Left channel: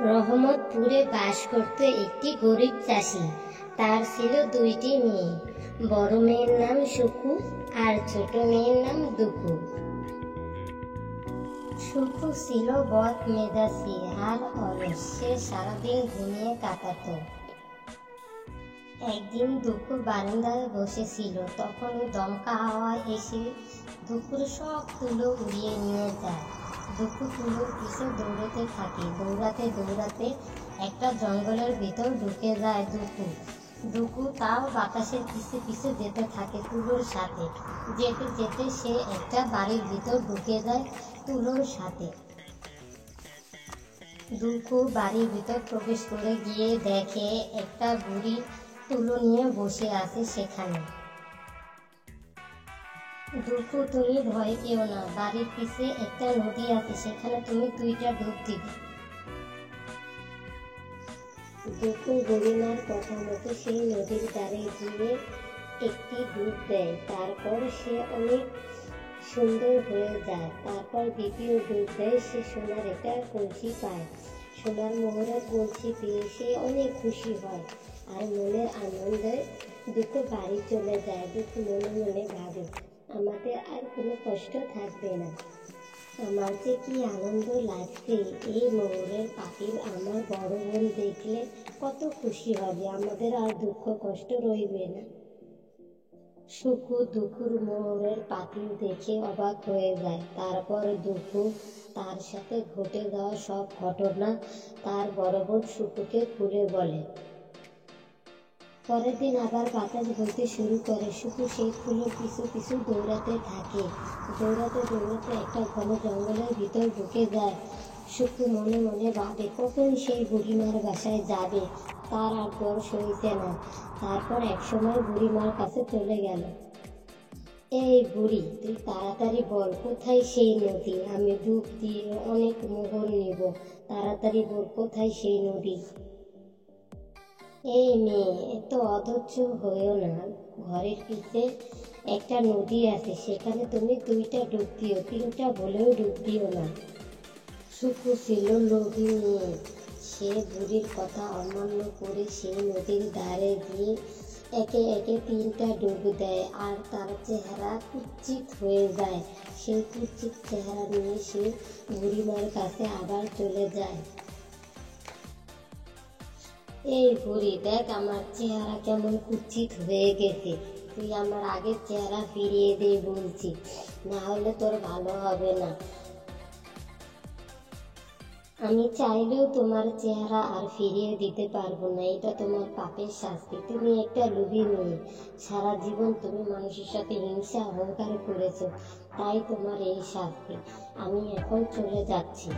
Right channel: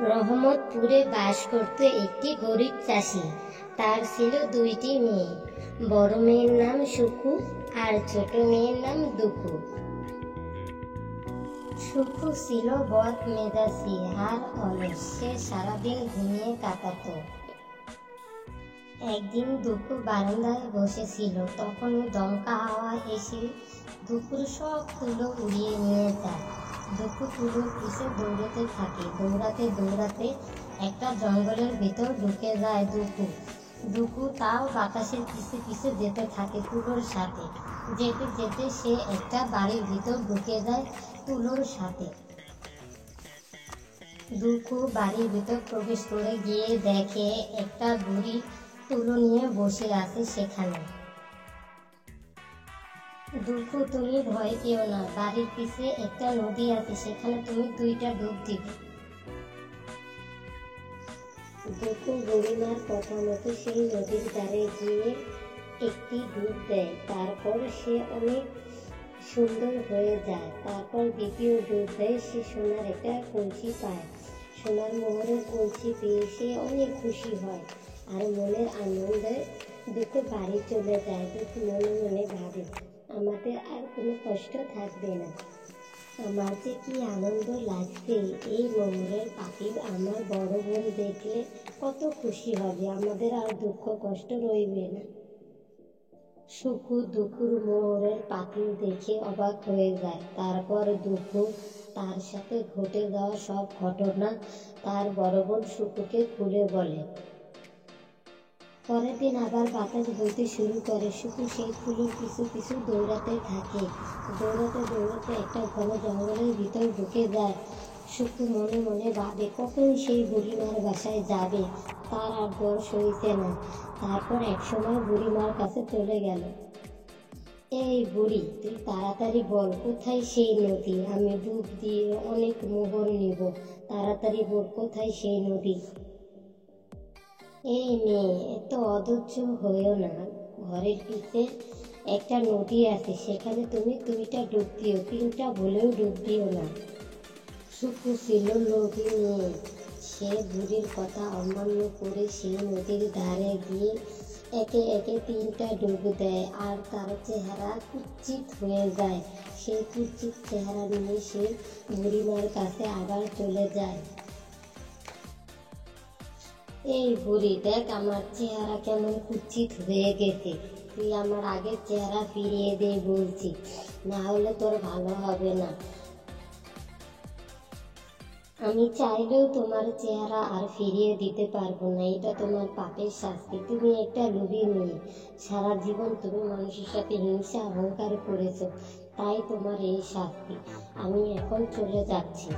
রহমতপুরে বাস করত একটি গরিব চাষি। তার ছিল দুইটি মেয়ে। বড় মেয়ের নাম সুকু আর ছোট মেয়ের নাম দুকু। সুকু ছিল বদ মেজাজি আর অলস। সে সারাদিন ঘুমিয়ে কাটাত। একদিন দুকু বারান্দায় বসেছিল, তখন দমকা হাওয়া এসে দুকুর সব তুলো উড়িয়ে নিয়ে যায়। দুকু তুলোর পিছে দৌড়াতে থাকে। দৌড়াতে দৌড়াতে একটা জঙ্গলের ভিতর ঢুকে যায় দুকু তাও বাতাসের পিছে পিছে যেতে থাকে তুলোর সাথে। যেতে যেতে সে একটা বাড়ির ভিতর ঢুকে যায় তুলোর সাথে। দুকু বাড়ির ভিতর প্রবেশ করে গিয়ে দেখে একটা বুড়ি তুলো নিয়ে বসে আছে সেখানে। দুকু, তুমি ভয় পেও না, বাড়ির পিছে একটা নদী আছে, সেখানে তুমি 2টা ডুব দিবে। দুকু বুড়িমার কথা মতো সেই নদীর ধারে গিয়ে একটি ডুব দেয়। তারপর সে অনেক সুন্দর হয়ে যায়। তারপর দ্বিতীয় ডুব দেয়। সে সোনার একটা কলসি পায়। সোনার মোহরের কলসি পেয়ে সে অনেক খুশি হয় আর মনের আনন্দে দুকু বাড়ি চলে যায়। দুকু মনে মনে ভাবে, আমাদের আর কোনো কষ্ট থাকবে না। আমার যে কি আনন্দ লাগবে, এই মোহরের পাতিল আমার বড় বোন দেখলে কত খুশি হবে, আমাদের আর দুঃখ কষ্ট রইবে না। সুকু দুকুর মোহরের পাতিল দেখে অবাক হয়ে যায়। তারপর দুকু তার সাথে ঘটে যাওয়া সব ঘটনা তার বড় বোন সুকুকে খুলে বলে। পরের দিন আবার বাতাস বইতে শুরু করে। সুকু সেই ফুলের পিছু পিছু দৌড়াতে থাকে। দৌড়াতে দৌড়াতে একটা ঘন জঙ্গলের ভিতর ঢুকে যায়। সুকু মনে মনে ভাবে, কখন সেই বুড়িমার বাসায় যাবে, তার আর বয়স হয়েছে না। তারপর একসময় বুড়িমার কাছে চলে গেল। এই বুড়ি, তুই তাড়াতাড়ি বল, কোথায় সেই নদী? আমি ডুব দিয়ে অনেক মোহর নিব, তাড়াতাড়ি বল, কোথায় সেই নদী? এই মেয়ে, এত অধৈর্য হইও না, ঘরের পিছে একটা নদী আছে, সেখানে তুমি 2টা ডুব দিও, 3টা বলেও ডুব দিও না। সুকু ছিল লোভী মেয়ে। সে বুড়ির কথা অমান্য করে সেই নদীর ধারে গিয়ে একে একে 3টা ডুব দেয় আর তার চেহারা কুৎসিত হয়ে যায়। সেই কুৎসিত চেহারা নিয়ে সে বুড়িমার কাছে আবার চলে যায়। এই বুড়ি, দেখ আমার চেহারা কেমন কুৎসিত হয়ে গেছে, তুই আমার আগের চেহারা ফিরিয়ে দে বলছি, না হলে তোর ভালো হবে না। আমি চাইলেও তোমার চেহারা আর ফিরিয়ে দিতে পারবো না, এটা তোমার পাপের শাস্তি। তুমি একটা লোভী মেয়ে, সারা জীবন তুমি মানুষের সাথে হিংসা অহংকার করেছো, তাই তোমার এই শাস্তি। আমি এখন চলে যাচ্ছি।